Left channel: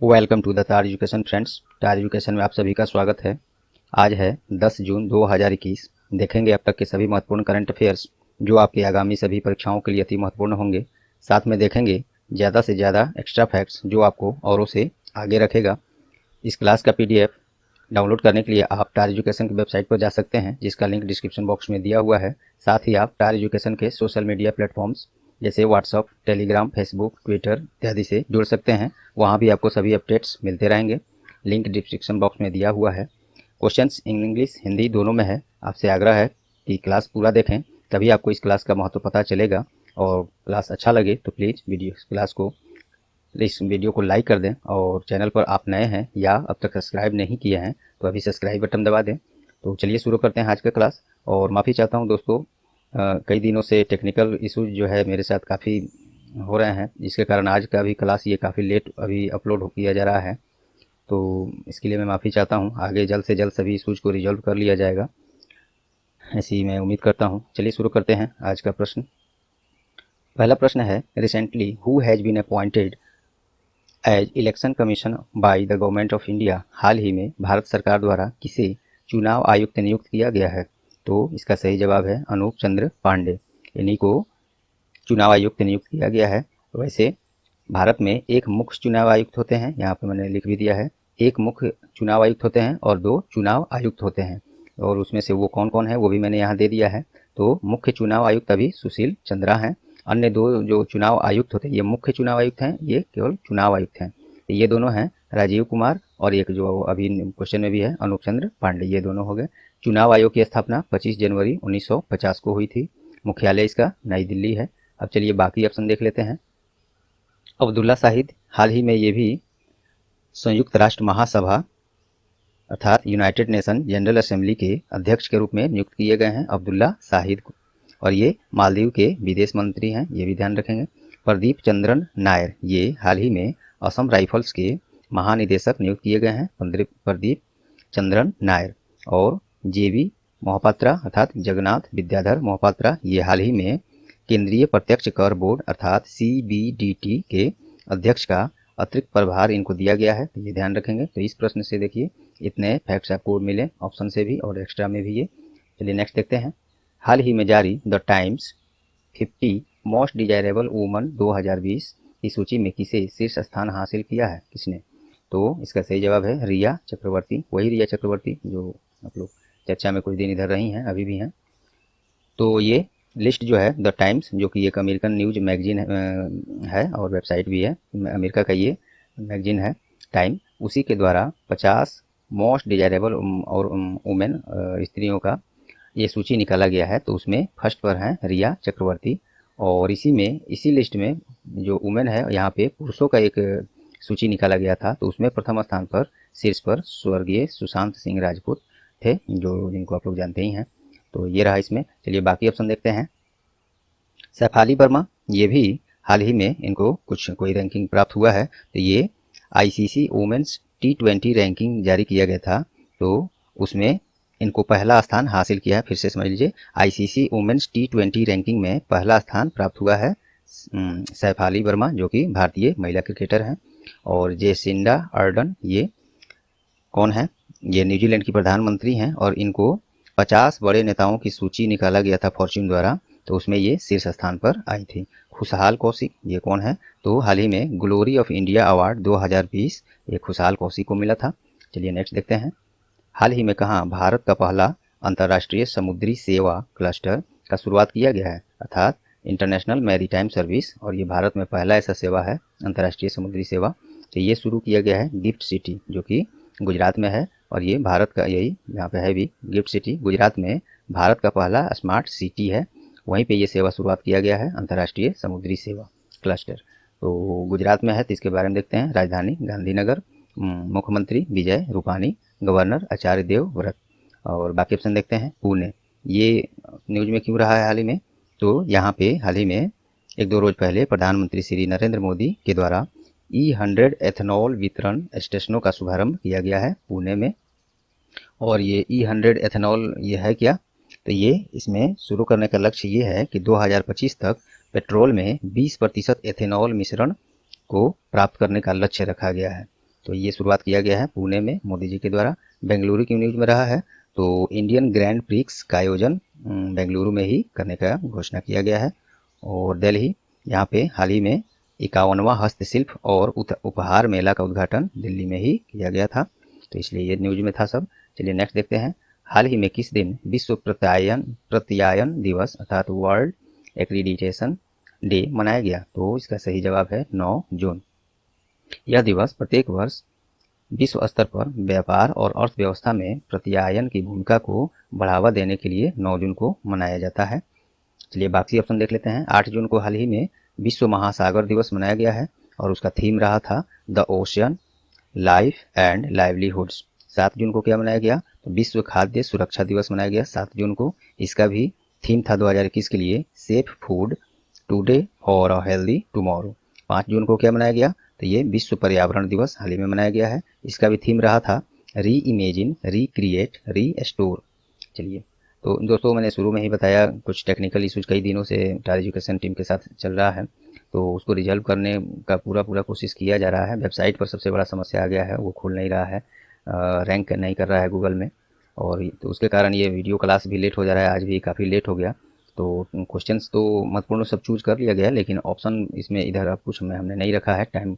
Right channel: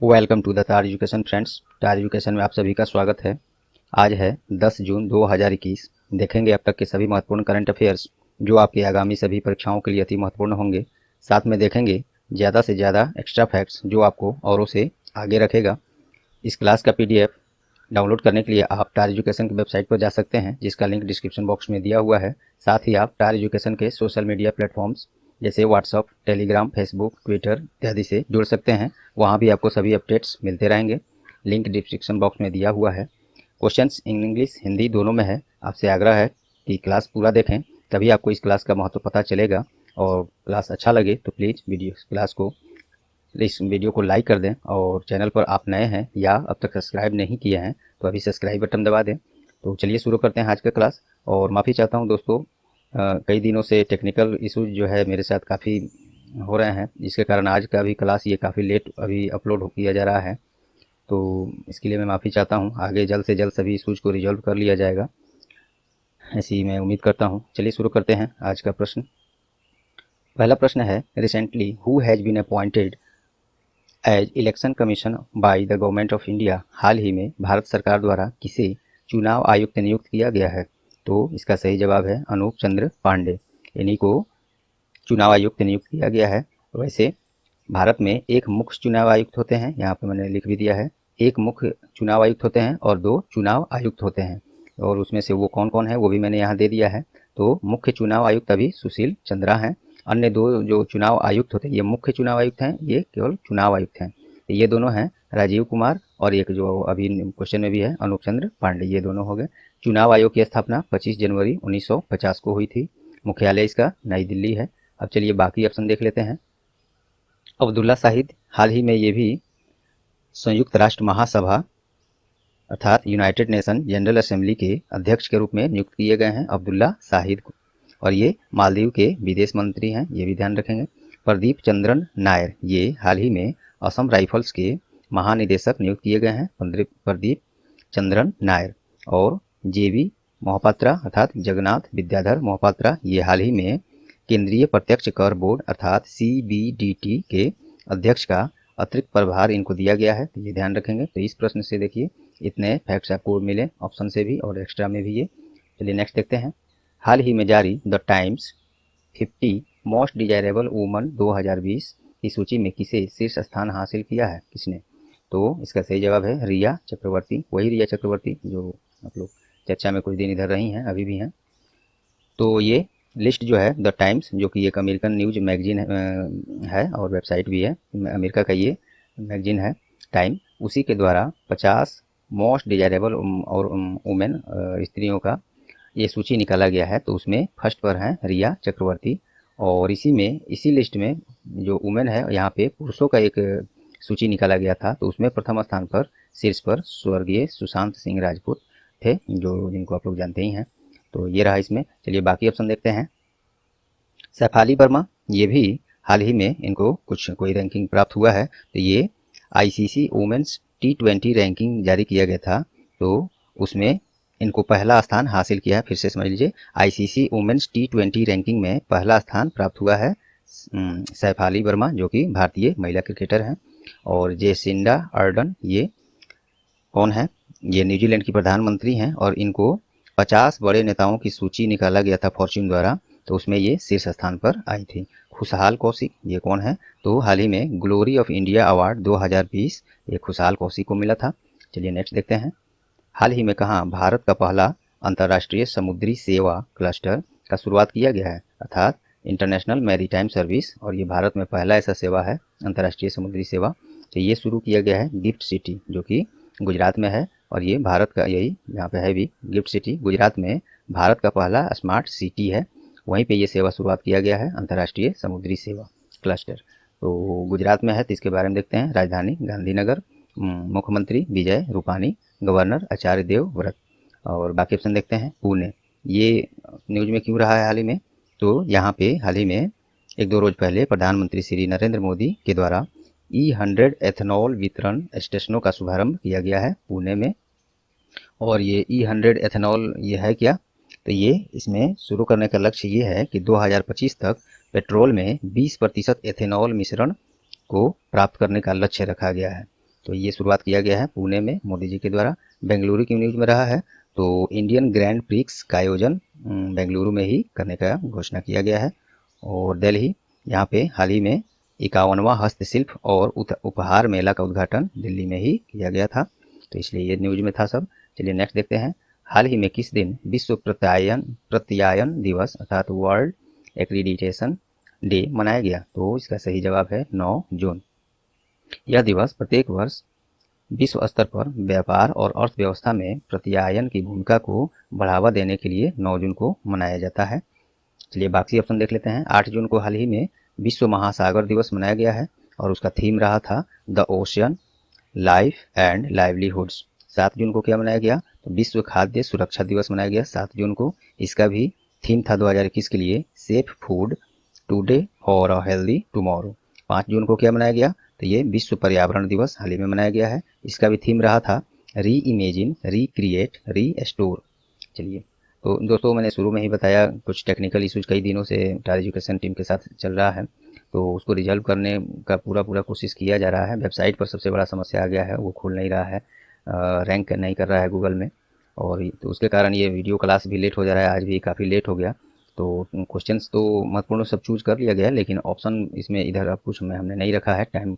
Welcome to the तार education friends. तार education में आप सभी का स्वागत है। आज है 10 जून 2021। देखेंगे अब तक के सभी महत्वपूर्ण करंट अफेयर्स जो आपकी आगामी सभी परीक्षाओं के लिए अति महत्वपूर्ण होंगे। साथ में देखेंगे ज़्यादा से ज़्यादा एक्स्ट्रा फैक्ट्स जो आपको औरों से आगे रखेगा। इस क्लास का पीडीएफ डाउनलोड करने के लिए आप टार एजुकेशन की वेबसाइट पर जा सकते हैं, जिसका लिंक डिस्क्रिप्शन बॉक्स में दिया हुआ है। साथ ही आप टार एजुकेशन के सोशल मीडिया प्लेटफॉर्म्स जैसे व्हाट्सअप, टेलीग्राम, फेसबुक, ट्विटर इत्यादि से जुड़ सकते हैं। वहाँ भी आपको सभी अपडेट्स मिलते रहेंगे। लिंक डिस्क्रिप्शन बॉक्स में दिया हुआ है। क्वेश्चंस इंग्लिश हिंदी दोनों में है। आपसे आग्रह है कि क्लास पूरा देखें, तभी आपको इस क्लास का महत्व पता चलेगा। और क्लास अच्छा लगे तो प्लीज़ इस वीडियो को लाइक कर दें। और चैनल पर आप नए हैं या अब तक सब्सक्राइब नहीं किया है तो अभी सब्सक्राइब बटन दबा दें। तो चलिए शुरू करते हैं आज का क्लास। और माफ़ी चाहता हूं दोस्तों, कई दिनों से टेक्निकल इशूज जो है मेरे साथ काफ़ी हो रहे हैं, जिसके कारण आज का भी क्लास ये काफ़ी लेट अभी अपलोड किया जा रहा है। तो इसके लिए मैं माफ़ी चाहता हूँ। आगे जल्द से जल्द सभी इशूज को रिजॉल्व कर लिया जाएगा, ऐसी मैं उम्मीद करता हूँ। चलिए शुरू करते हैं आज का प्रश्न। पहला प्रश्न है, recently who has been appointed as election commission by the government of India. हाल ही में भारत सरकार द्वारा किसे चुनाव आयुक्त नियुक्त किया गया है? तो इसका सही जवाब है अनूप चंद्र पांडे। इन्हीं को चुनाव आयुक्त नियुक्त किया गया है। वैसे भारत में एक मुख्य चुनाव आयुक्त होते हैं, यहाँ पे मैंने लिख भी दिया है। एक मुख्य चुनाव आयुक्त होते हैं और 2 चुनाव आयुक्त होते हैं, और उसमें से वो कौन कौन है वो भी मैंने यहाँ दे दिया है। तो मुख्य चुनाव आयुक्त अभी सुशील चंद्रा हैं। अन्य 2 जो चुनाव आयुक्त होते हैं ये मुख्य चुनाव आयुक्त हैं, ये केवल चुनाव आयुक्त हैं। तो ये दोनों हैं राजीव कुमार, और एक जो अभी क्वेश्चन में भी है अनूप चंद्र पांडे, ये दोनों हो गए। चुनाव आयोग की स्थापना 25 जनवरी 1950 को हुई थी। मुख्यालय इसका नई दिल्ली है। अब चलिए बाकी ऑप्शन देख लेते हैं। अब्दुल्ला शाहिद, हाल ही में ये भी संयुक्त राष्ट्र महासभा अर्थात यूनाइटेड नेशन जनरल असेंबली के अध्यक्ष के रूप में नियुक्त किए गए हैं, अब्दुल्ला शाहिद को। और ये मालदीव के विदेश मंत्री हैं, ये भी ध्यान रखेंगे। प्रदीप चंद्रन नायर, ये हाल ही में असम राइफल्स के महानिदेशक नियुक्त किए गए हैं, प्रदीप चंद्रन नायर। और जेबी मोहपात्रा अर्थात जगन्नाथ विद्याधर मोहपात्रा, ये हाल ही में केंद्रीय प्रत्यक्ष कर बोर्ड अर्थात सीबीडीटी के अध्यक्ष का अतिरिक्त प्रभार इनको दिया गया है, तो ये ध्यान रखेंगे। तो इस प्रश्न से देखिए इतने फैक्ट्स आपको मिले ऑप्शन से भी और एक्स्ट्रा में भी ये। चलिए नेक्स्ट देखते हैं। हाल ही में जारी the times 50 most desirable woman 2020 की सूची में किसे शीर्ष स्थान हासिल किया है? किसने? तो इसका सही जवाब है रिया चक्रवर्ती। वही रिया चक्रवर्ती जो आप लोग चर्चा में कुछ दिन इधर रही हैं, अभी भी हैं। तो ये लिस्ट जो है द टाइम्स, जो कि एक अमेरिकन न्यूज मैगजीन है और वेबसाइट भी है, अमेरिका का ये मैगजीन है टाइम, उसी के द्वारा 50 मोस्ट डिजायरेबल और वुमेन स्त्रियों का ये सूची निकाला गया है। तो उसमें फर्स्ट पर हैं रिया चक्रवर्ती। और इसी लिस्ट में जो वुमेन है, यहाँ पे पुरुषों का एक सूची निकाला गया था। तो उसमें प्रथम स्थान पर शीर्ष पर स्वर्गीय सुशांत सिंह राजपूत थे, जो जिनको आप लोग जानते ही हैं। तो ये रहा इसमें। चलिए बाकी ऑप्शन देखते हैं। सैफाली वर्मा, ये भी हाल ही में इनको कोई रैंकिंग प्राप्त हुआ है। तो ये आईसीसी वुमेन्स T20 रैंकिंग जारी किया गया था, तो उसमें इनको पहला स्थान हासिल किया है। फिर से समझ लीजिए, आईसीसी वुमेन्स T20 रैंकिंग में पहला स्थान प्राप्त हुआ है सैफाली वर्मा, जो कि भारतीय महिला क्रिकेटर हैं। और जेसिंडा अर्डन, ये कौन है? ये न्यूजीलैंड की प्रधानमंत्री हैं, और इनको 50 बड़े नेताओं की सूची निकाला गया था फॉर्च्यून द्वारा, तो उसमें ये शीर्ष स्थान पर आई थी। खुशहाल कौशिक, ये कौन है? तो हाल ही में ग्लोरी ऑफ इंडिया अवार्ड 2020 ये खुशहाल कौशिक को मिला था। चलिए नेक्स्ट देखते हैं। हाल ही में कहाँ भारत का पहला अंतर्राष्ट्रीय समुद्री सेवा क्लस्टर का शुरुआत किया गया है, अर्थात इंटरनेशनल मैरीटाइम सर्विस। और ये भारत में पहला ऐसा सेवा है, अंतर्राष्ट्रीय समुद्री सेवा। तो ये शुरू किया गया है गिफ्ट सिटी, जो कि गुजरात में है। और ये भारत का, यही यहाँ पे है भी गिफ्ट सिटी, गुजरात में भारत का पहला स्मार्ट सिटी है। वहीं पे ये सेवा शुरुआत किया गया है, अंतर्राष्ट्रीय समुद्री सेवा क्लस्टर। तो गुजरात में है, तो इसके बारे में देखते हैं। राजधानी गांधीनगर, मुख्यमंत्री विजय रूपानी, गवर्नर आचार्य देवव्रत। और बाकी ऑप्शन देखते हैं। पुणे, ये न्यूज में क्यों रहा है हाल ही में? तो यहाँ पे हाल ही में 1-2 रोज पहले प्रधानमंत्री श्री नरेंद्र मोदी के द्वारा E100 एथेनॉल वितरण स्टेशनों का शुभारंभ किया गया है पुणे में। और ये E100 एथेनॉल ये है क्या? तो ये इसमें शुरू करने का लक्ष्य ये है कि 2025 तक पेट्रोल में 20% एथेनॉल मिश्रण को प्राप्त करने का लक्ष्य रखा गया है। तो ये शुरुआत किया गया है पुणे में मोदी जी के द्वारा। बेंगलुरु की न्यूज में रहा है, तो इंडियन ग्रैंड प्रिक्स का आयोजन बेंगलुरु में ही करने का घोषणा किया गया है। और दिल्ली, यहाँ पे हाल ही में 51वां हस्तशिल्प और उपहार मेला का उद्घाटन दिल्ली में ही किया गया था, तो इसलिए ये न्यूज में था सब। चलिए नेक्स्ट देखते हैं। हाल ही में किस दिन विश्व प्रत्यायन दिवस अर्थात वर्ल्ड एक्रीडिटेशन डे मनाया गया? तो इसका सही जवाब है 9 जून। यह दिवस प्रत्येक वर्ष विश्व स्तर पर व्यापार और अर्थव्यवस्था में प्रत्यायन की भूमिका को बढ़ावा देने के लिए 9 जून को मनाया जाता है। चलिए बाकी ऑप्शन देख लेते हैं। 8 जून को हाल ही में विश्व महासागर दिवस मनाया गया है और उसका थीम रहा था the ocean life and livelihoods. 7 जून को क्या मनाया गया? तो विश्व खाद्य सुरक्षा दिवस मनाया गया 7 जून को। इसका भी थीम था 2021 के लिए सेफ फूड टुडे और हेल्दी टुमारो। 5 जून को क्या मनाया गया? तो ये विश्व पर्यावरण दिवस हाल ही में मनाया गया है। इसका भी थीम रहा था री इमेजिन, रिक्रिएट, रीस्टोर। चलिए, तो दोस्तों मैंने शुरू में ही बताया कुछ टेक्निकल इश्यूज कई दिनों से टायर एजुकेशन टीम के साथ चल रहा है, तो उसको रिजॉल्व करने का पूरा कोशिश किया जा रहा है। वेबसाइट पर सबसे बड़ा समस्या आ गया है, वो खुल नहीं रहा है, रैंक नहीं कर रहा है गूगल में, और तो उसके कारण ये वीडियो क्लास भी लेट हो जा रहा है। आज भी काफ़ी लेट हो गया। तो क्वेश्चंस तो महत्वपूर्ण सब चूज कर लिया गया, लेकिन ऑप्शन इसमें इधर अब कुछ में हमने नहीं रखा है, टाइम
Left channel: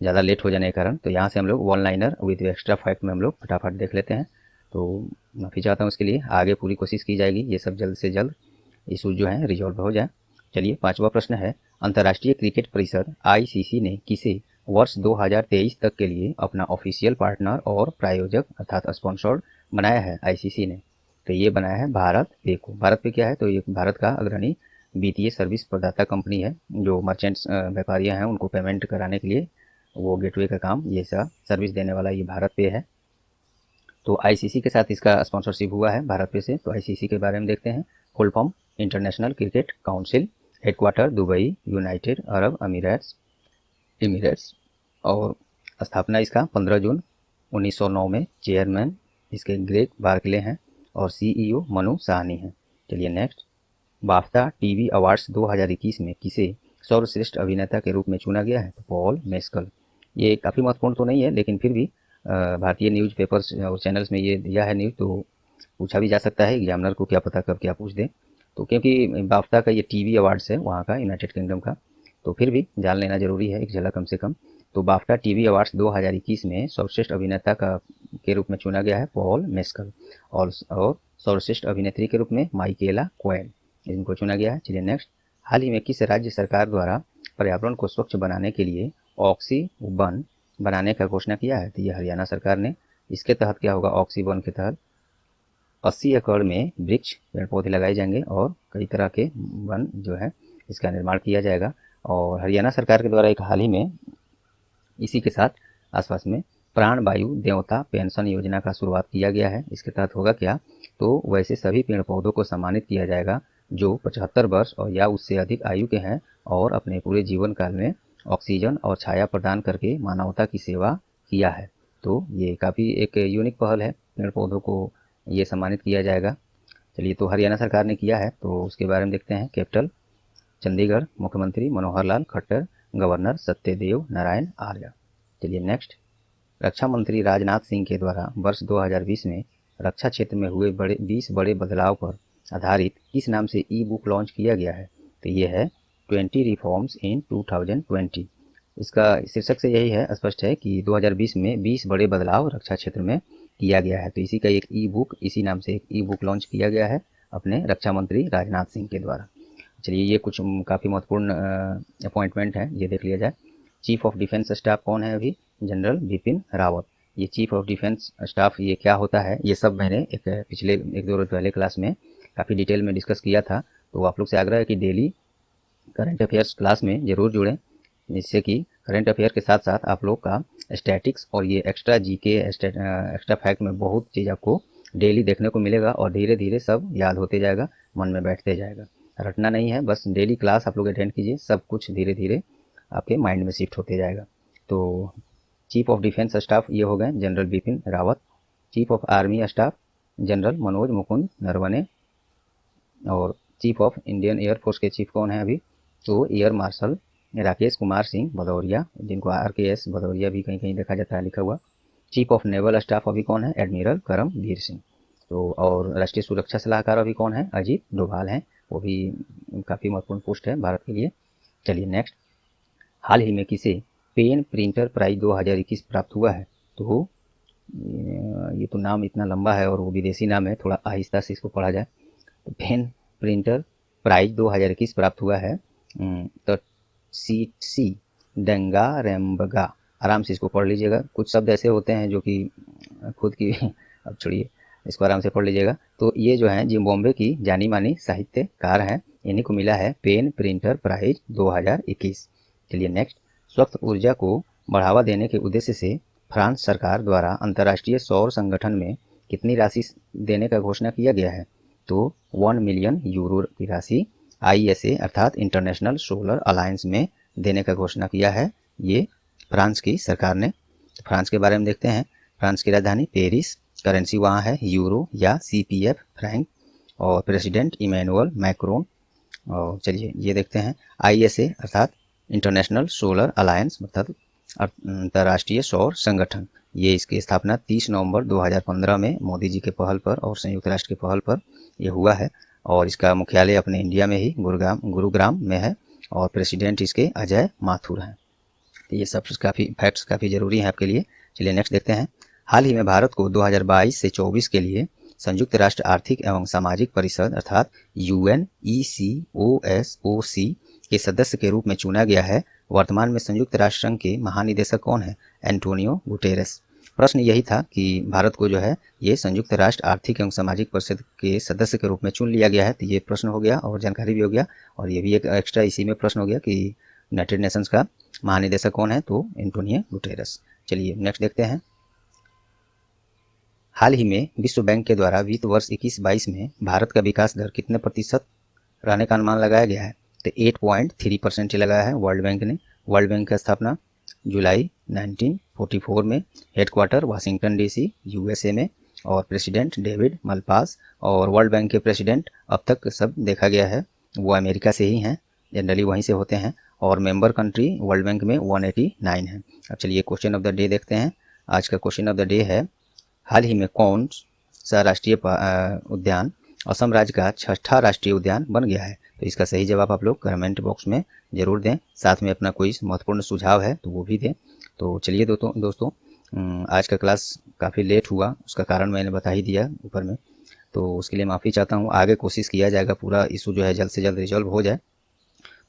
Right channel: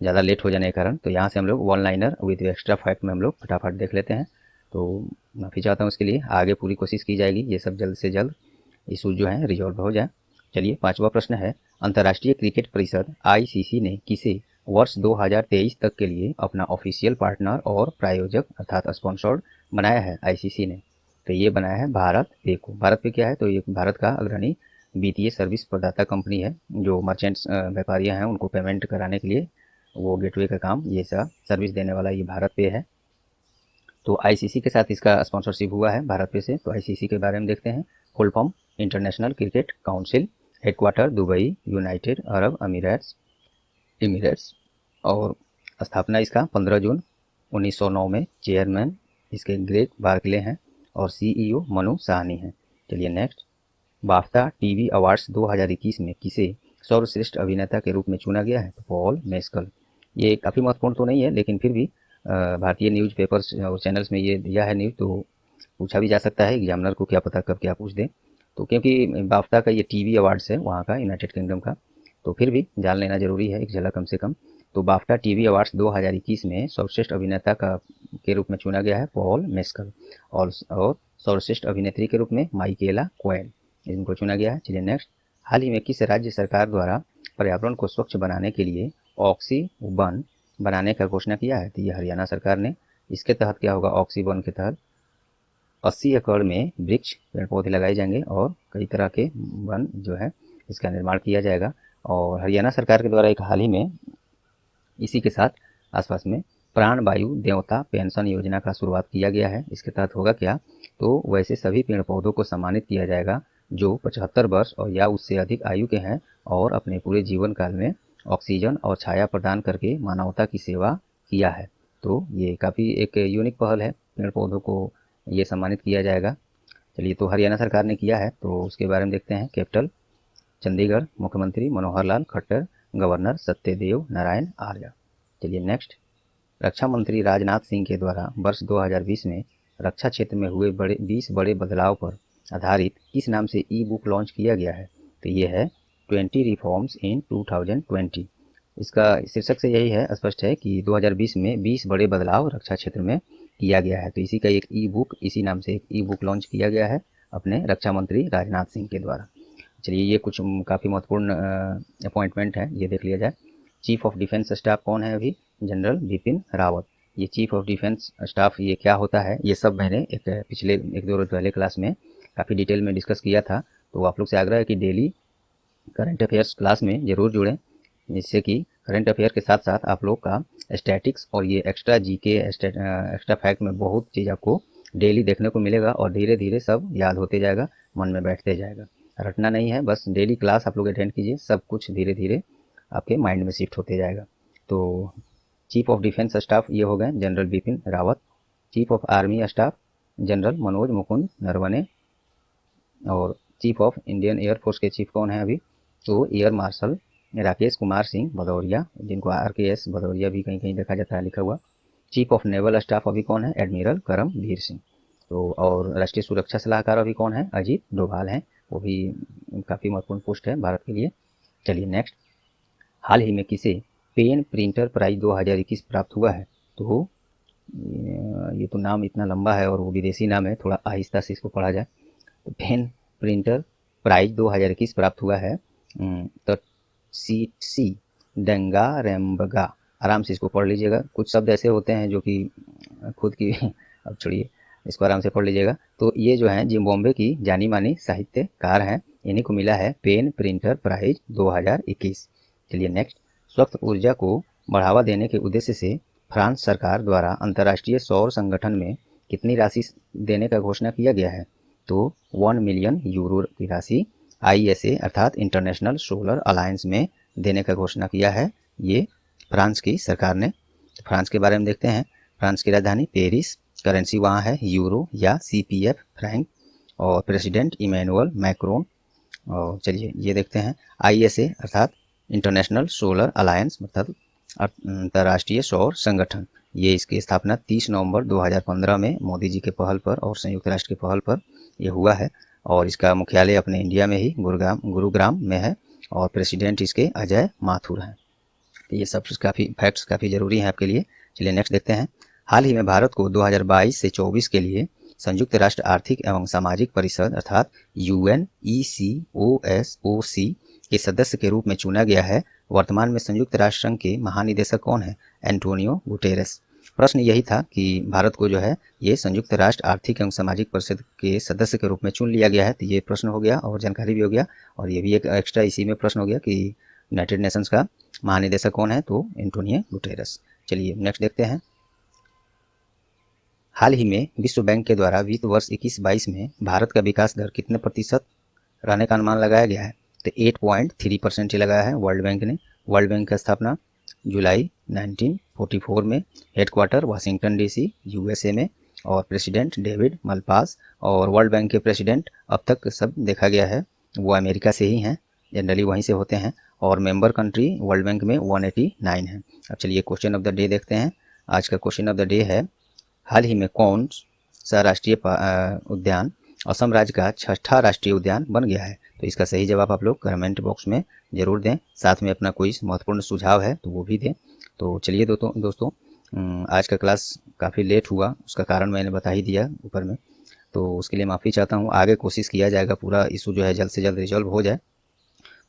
ज़्यादा लेट हो जाने के कारण। तो यहाँ से हम लोग one liner with extra fact में हम लोग फटाफट देख लेते हैं। तो माफ़ी चाहता हूँ इसके लिए, आगे पूरी कोशिश की जाएगी ये सब जल्द से जल्द इशू जो है रिजॉल्व हो जाए। चलिए 5वां प्रश्न है, अंतर्राष्ट्रीय क्रिकेट परिषद आईसीसी ने किसे वर्ष 2023 तक के लिए अपना ऑफिशियल पार्टनर और प्रायोजक अर्थात स्पॉन्सर्ड बनाया है? आईसीसी ने, तो ये बनाया है भारत पे को। भारत पे क्या है? तो ये भारत का अग्रणी वित्तीय सर्विस प्रदाता कंपनी है, जो मर्चेंट्स व्यापारियां हैं उनको पेमेंट कराने के लिए वो गेटवे का काम ये सब सर्विस देने वाला ये भारत पे है। तो आईसीसी के साथ इसका स्पॉन्सरशिप हुआ है भारत पे से। तो आईसीसी के बारे में देखते हैं। Full form international cricket council, headquarter Dubai, United Arab Emirates, और स्थापना इसका 15 जून 1909 में। चेयरमैन इसके ग्रेग बार्कले हैं और सीईओ मनु साहनी हैं। चलिए नेक्स्ट, बाफ्टा टीवी अवार्ड्स 2021 में किसे सर्वश्रेष्ठ अभिनेता के रूप में चुना गया है? तो पॉल मेस्कल। ये काफ़ी महत्वपूर्ण तो नहीं है, लेकिन फिर भी भारतीय न्यूज़ पेपर्स और चैनल्स में ये दिया है न्यूज़, तो पूछा भी जा सकता है एग्जामिनर को, क्या पता कब क्या पूछ दें। तो क्योंकि बाफ्टा का ये टीवी अवार्ड्स है वहाँ का, यूनाइटेड किंगडम का, तो फिर भी जान लेना जरूरी है एक जगह कम से कम। तो बाफ्टा टीवी अवार्ड्स 2021 में सर्वश्रेष्ठ अभिनेता का के रूप में चुना गया है पॉल मेस्कल, और सर्वश्रेष्ठ अभिनेत्री के रूप में माइकेला कोएन, इनको चुना गया है। चलिए नेक्स्ट, हाल ही में किस राज्य सरकार द्वारा पर्यावरण को स्वच्छ बनाने के लिए ऑक्सी वन बनाने का घोषणा किया है? तो ये हरियाणा सरकार ने। इसके तहत क्या होगा? ऑक्सी वन के तहत 80 एकड़ में वृक्ष पेड़ पौधे लगाए जाएंगे और कई तरह के वन जो है इसका निर्माण किया जाएगा। और हरियाणा सरकार के द्वारा एक हाल ही में इसी के साथ आसपास में प्राण वायु देवता पेंशन योजना का शुरुआत किया गया है। इसके तहत होगा क्या? तो वैसे सभी पेड़ पौधों को सम्मानित किया जाएगा जो 75 वर्ष और या उससे अधिक आयु के हैं और अपने पूरे जीवन काल में ऑक्सीजन और छाया प्रदान करके मानवता की सेवा किया है। तो ये काफ़ी एक यूनिक पहल है, पेड़ पौधों को ये सम्मानित किया जाएगा। चलिए, तो हरियाणा सरकार ने किया है, तो उसके बारे में देखते हैं। कैपिटल चंडीगढ़, मुख्यमंत्री मनोहर लाल खट्टर, गवर्नर सत्यदेव नारायण आर्य। चलिए नेक्स्ट, रक्षा मंत्री राजनाथ सिंह के द्वारा वर्ष 2020 में रक्षा क्षेत्र में हुए 20 बड़े बदलाव पर आधारित किस नाम से ई बुक लॉन्च किया गया है? तो ये है 20 रिफॉर्म्स इन 2020। इसका शीर्षक से यही है, स्पष्ट है कि 2020 में 20 बड़े बदलाव रक्षा क्षेत्र में किया गया है। तो इसी का एक ई बुक, इसी नाम से एक ई बुक लॉन्च किया गया है अपने रक्षा मंत्री राजनाथ सिंह के द्वारा। चलिए, ये कुछ काफ़ी महत्वपूर्ण अपॉइंटमेंट है, ये देख लिया जाए। चीफ ऑफ डिफेंस स्टाफ कौन है अभी? जनरल बिपिन रावत। ये चीफ ऑफ डिफेंस स्टाफ ये क्या होता है, ये सब मैंने एक पिछले 1-2 रोज पहले क्लास में काफ़ी डिटेल में डिस्कस किया था। तो आप लोग से आग्रह है कि डेली करंट अफेयर्स क्लास में ज़रूर जुड़ें, जिससे कि करंट अफेयर के साथ साथ आप लोग का स्टैटिक्स और ये एक्स्ट्रा जीके एक्स्ट्रा फैक्ट में बहुत चीज़ आपको डेली देखने को मिलेगा और धीरे धीरे सब याद होते जाएगा, मन में बैठते जाएगा। रटना नहीं है, बस डेली क्लास आप लोग अटेंड कीजिए, सब कुछ धीरे धीरे आपके माइंड में शिफ्ट होते जाएगा। तो चीफ ऑफ डिफेंस स्टाफ ये हो गए general Bipin Rawat. Chief of army staff general Manoj Mukund Naravane. और चीफ ऑफ इंडियन एयरफोर्स के चीफ कौन है अभी, तो एयर मार्शल राकेश कुमार सिंह भदौरिया, जिनको RKS भदौरिया भी कहीं कहीं देखा जाता है लिखा हुआ। चीफ ऑफ नेवल स्टाफ अभी कौन है, एडमिरल करमवीर सिंह। तो और राष्ट्रीय सुरक्षा सलाहकार अभी कौन है, अजीत डोभाल हैं, वो भी काफ़ी महत्वपूर्ण पोस्ट है भारत के लिए। चलिए नेक्स्ट, हाल ही में किसे पेन प्रिंटर प्राइज 2021 प्राप्त हुआ है, तो ये तो नाम इतना लंबा है और वो विदेशी नाम है, थोड़ा आहिस्ता से इसको पढ़ा जाए। तो पेन प्रिंटर प्राइज 2021 प्राप्त हुआ है तो सी डंगा रेम्बगा, आराम से इसको पढ़ लीजिएगा, कुछ शब्द ऐसे होते हैं जो कि खुद की अब छोड़िए, इसको आराम से पढ़ लीजिएगा। तो ये जो है जिम्बाब्वे की जानी मानी साहित्यकार है, इन्हीं को मिला है पेन प्रिंटर प्राइज 2021। चलिए नेक्स्ट, स्वच्छ ऊर्जा को बढ़ावा देने के उद्देश्य से फ्रांस सरकार द्वारा अंतर्राष्ट्रीय सौर संगठन में कितनी राशि देने का घोषणा किया गया है, तो 1 मिलियन यूरो की राशि ISA अर्थात इंटरनेशनल सोलर अलायंस में देने का घोषणा किया है ये फ्रांस की सरकार ने। फ्रांस के बारे में देखते हैं, फ्रांस की राजधानी पेरिस, करेंसी वहाँ है यूरो या CPF फ्रैंक, और प्रेसिडेंट इमैनुअल मैक्रोन। और चलिए ये देखते हैं, ISA अर्थात इंटरनेशनल सोलर अलायंस मतलब अंतर्राष्ट्रीय सौर संगठन, ये इसकी स्थापना 30 नवंबर 2015 में मोदी जी के पहल पर और संयुक्त राष्ट्र के पहल पर ये हुआ है। और इसका मुख्यालय अपने इंडिया में ही गुरुग्राम में है, और प्रेसिडेंट इसके अजय माथुर हैं। तो ये सब काफ़ी फैक्ट्स काफ़ी ज़रूरी हैं आपके लिए। चलिए नेक्स्ट देखते हैं, हाल ही में भारत को 2022 से 24 के लिए संयुक्त राष्ट्र आर्थिक एवं सामाजिक परिषद अर्थात UNECOSOC के सदस्य के रूप में चुना गया है। वर्तमान में संयुक्त राष्ट्र संघ के महानिदेशक कौन है, एंटोनियो गुटेरेस। प्रश्न यही था कि भारत को जो है ये संयुक्त राष्ट्र आर्थिक एवं सामाजिक परिषद के सदस्य के रूप में चुन लिया गया है, तो ये प्रश्न हो गया और जानकारी भी हो गया, और ये भी एक एक्स्ट्रा इसी में प्रश्न हो गया कि यूनाइटेड नेशंस का महानिदेशक कौन है, तो एंटोनियो गुटेरेस। चलिए नेक्स्ट देखते हैं, हाल ही में विश्व बैंक के द्वारा वित्त वर्ष 21-22 में भारत का विकास दर कितने प्रतिशत रहने का अनुमान लगाया गया है, तो 8.3% लगाया है वर्ल्ड बैंक ने। वर्ल्ड बैंक की स्थापना जुलाई 1944 में, हेडक्वार्टर वाशिंगटन DC USA में, और प्रेसिडेंट डेविड मलपास। और वर्ल्ड बैंक के प्रेसिडेंट अब तक सब देखा गया है वो अमेरिका से ही हैं, जनरली वहीं से होते हैं, और मेंबर कंट्री वर्ल्ड बैंक में 189 है। अब चलिए क्वेश्चन ऑफ द डे देखते हैं। आज का क्वेश्चन ऑफ द डे है, हाल ही में कौन सा राष्ट्रीय उद्यान असम राज्य का 6ठा राष्ट्रीय उद्यान बन गया है, तो इसका सही जवाब आप लोग कमेंट बॉक्स में जरूर दें, साथ में अपना कोई महत्वपूर्ण सुझाव है तो वो भी दें। तो चलिए दोस्तों आज का क्लास काफ़ी लेट हुआ, उसका कारण मैंने बता ही दिया ऊपर में, तो उसके लिए माफ़ी चाहता हूँ। आगे कोशिश किया जाएगा पूरा इशू जो है जल्द से जल्द रिजॉल्व हो जाए।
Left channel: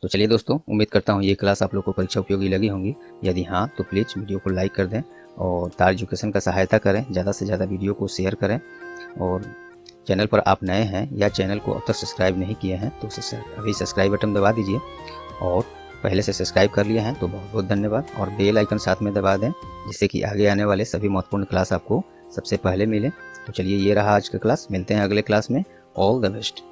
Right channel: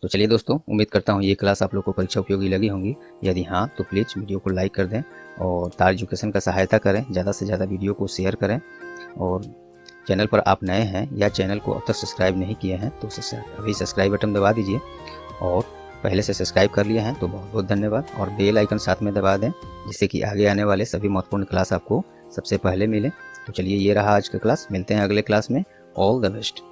तो चलिए दोस्तों, उम्मीद करता हूँ ये क्लास आप लोग को परीक्षा उपयोगी लगी होंगी। यदि हाँ तो प्लीज़ वीडियो को लाइक कर दें और तार एजुकेशन का सहायता करें, ज़्यादा से ज़्यादा वीडियो को शेयर करें। और चैनल पर आप नए हैं या चैनल को अब तक सब्सक्राइब नहीं किए हैं तो अभी सब्सक्राइब बटन दबा दीजिए, और पहले से सब्सक्राइब कर लिए हैं तो बहुत बहुत धन्यवाद, और बेल आइकन साथ में दबा दें जिससे कि आगे आने वाले सभी महत्वपूर्ण क्लास आपको सबसे पहले मिले। तो चलिए ये रहा आज का क्लास, मिलते हैं अगले क्लास में। All the best.